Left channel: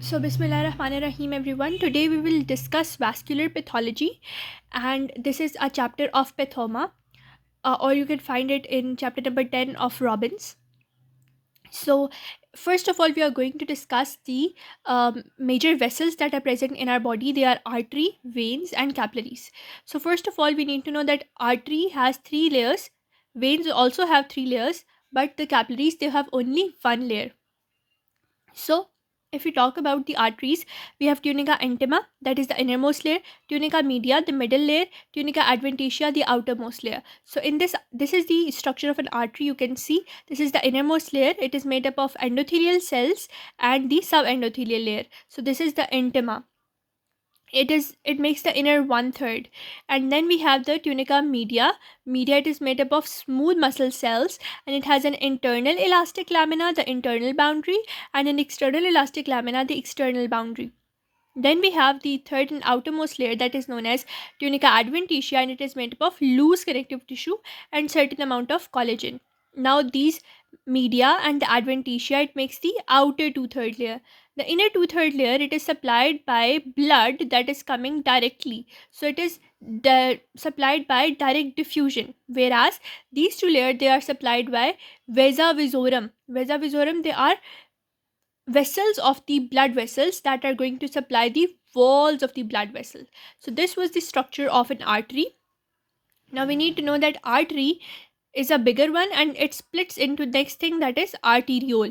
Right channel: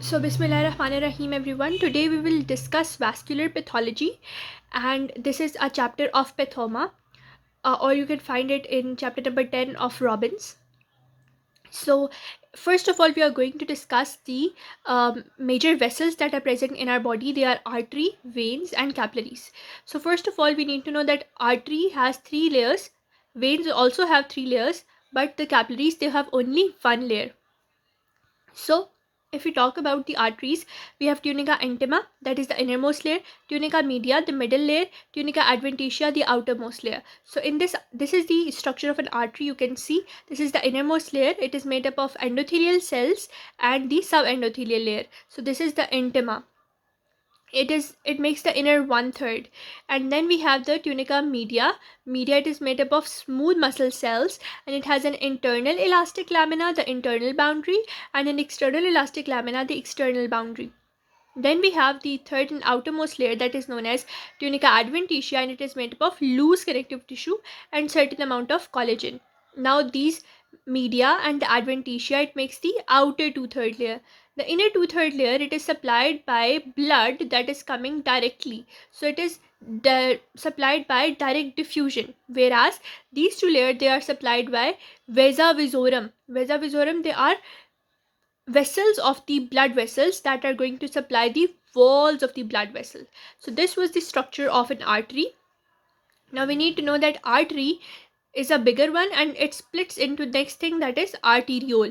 So, Bismillahirrahmanirrahim, everyone. Today we will discuss vascular pathology, and this is a chapter of pathoma, or you can find it in chapter number 10 of Robbins. So, first of all, we are going to discuss the major vessels that are present in our body. They are artery, veins, and capillaries. So, first of all, we need to know that artery has three layers, veins also have three layers, but the capillaries they have only one layer. So, if we talk about the arteries, we have tunica intima, that is the innermost layer, tunica media, the middle layer, tunica adventitia, the outermost layer. So, in this is the structure of an artery. You can see this is the innermost layer. It is made up of endothelial cells and the subendothelial layer. So, this is the intima. It makes the inner one third, and then we have the tunica media. It is made up of smooth muscle cells, and it has an internal elastic lamina, the internal boundary, and an external elastic lamina, the external boundary. Then we have the third and outermost layer, that is known as tunica adventitia, and it is made up of loose connective tissue and certain amount of collagen. Now these media and the adventitia, it makes the outer two-third layer. The inner two-third layer, it is supplied by blood that is coming directly. So it is supplied by direct diffusion, whereas these two layers, they are supplied by vasa vasorum. Vasa vasorum, they are vessels of the blood vessels that are going to supply the walls of the blood vessel. So this was the structure of an artery. Now we need to know that artery is a bigger one, and it splits into next thing, that is arteriole.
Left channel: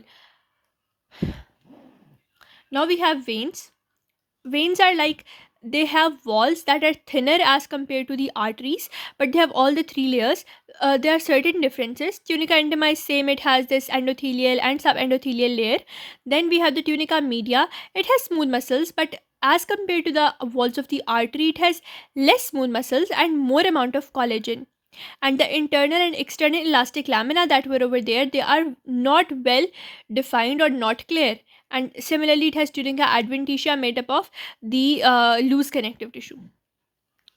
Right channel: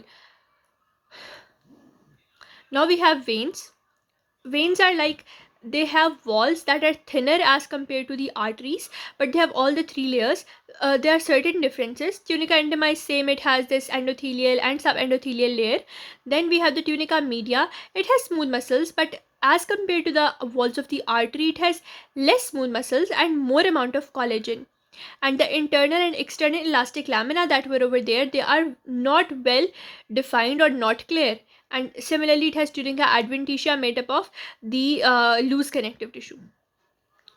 Now we have veins. Veins are like, they have walls that are thinner as compared to the arteries, but they have all the three layers. There are certain differences. Tunica intima is same, it has this endothelial and subendothelial layer. Then we have the tunica media. It has smooth muscles, but as compared to the walls of the artery, it has less smooth muscles and more amount of collagen. And the internal and external elastic lamina that were over there, they are not well defined or not clear. And similarly, it has tunica adventitia made up of the loose connective tissue.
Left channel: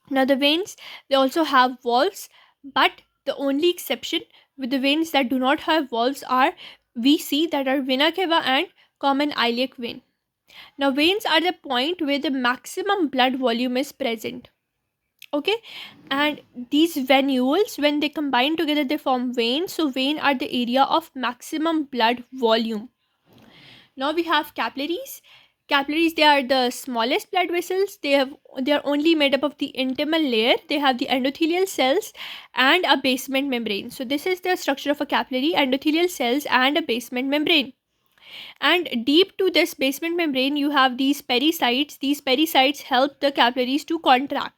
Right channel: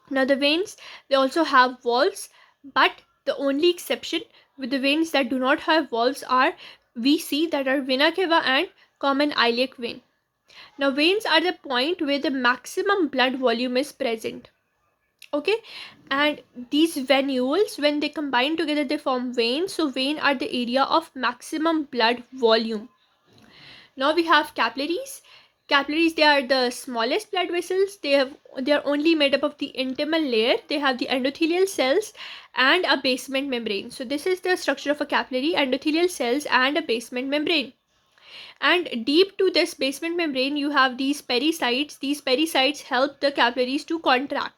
Now the veins, they also have valves, but the only exception with the veins that do not have valves are, we see that are vena cava and common iliac vein. Now veins are the point where the maximum blood volume is present. Okay, and these venules, when they combine together, they form veins. So vein are the area of maximum blood volume. Now we have capillaries. Capillaries, they are the smallest blood vessels. They are only made up of the intimal layer. They have the endothelial cells and a basement membrane. So this is the structure of a capillary: endothelial cells and a basement membrane. And deep to this basement membrane, you have these pericytes. These pericytes help the capillaries to contract.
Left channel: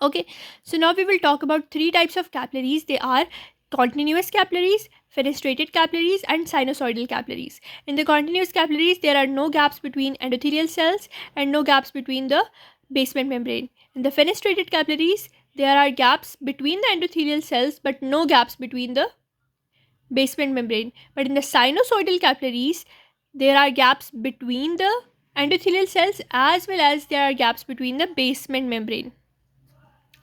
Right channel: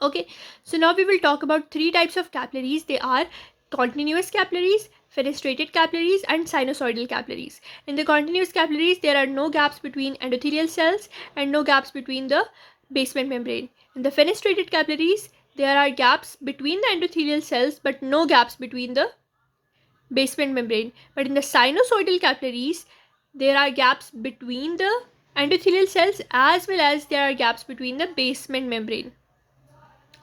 Okay, so now we will talk about three types of capillaries. They are continuous capillaries, fenestrated capillaries, and sinusoidal capillaries. In the continuous capillaries, there are no gaps between endothelial cells and no gaps between the basement membrane. In the fenestrated capillaries, there are gaps between the endothelial cells but no gaps between the basement membrane. But in the sinusoidal capillaries, there are gaps between the endothelial cells as well as there are gaps between the basement membrane.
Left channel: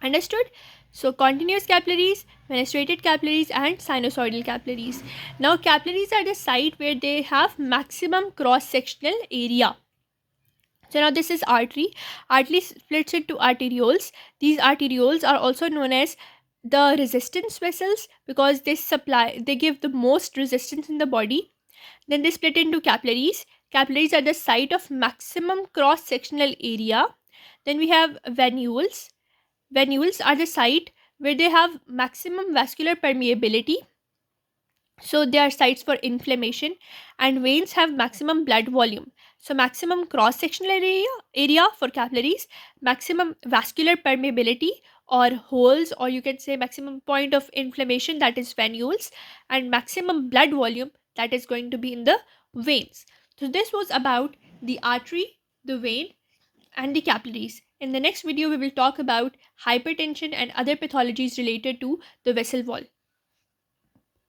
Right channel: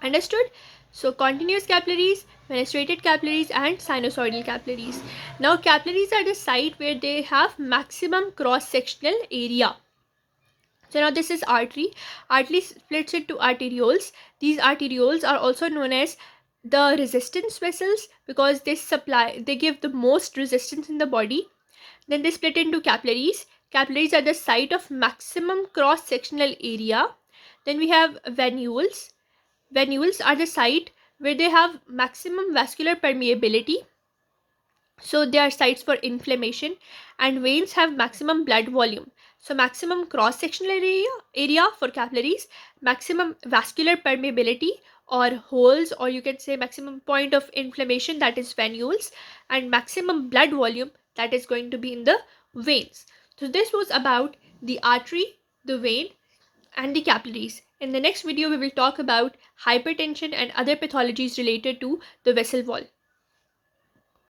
Understood? So continuous capillaries, fenestrated capillaries, and sinusoidal capillaries. Now capillaries are the site where they have maximum cross-sectional area. So now this is artery. Artery splits into arterioles. These arterioles are also known as the resistance vessels because they give the most resistance in the body. Then they split into capillaries. Capillaries are the site of maximum cross-sectional area. Then we have venules. Venules are the site where they have maximum vascular permeability. So they are sites for inflammation, and veins have maximum blood volume. So maximum cross-sectional area for capillaries, maximum vascular permeability or holes, or you can say maximum point of inflammation, that is venules, and maximum blood volume, that is going to be in the veins. So this was about the artery, the vein, and the capillaries. In the next video, we will talk about hypertension and other pathologies related to the vessel wall.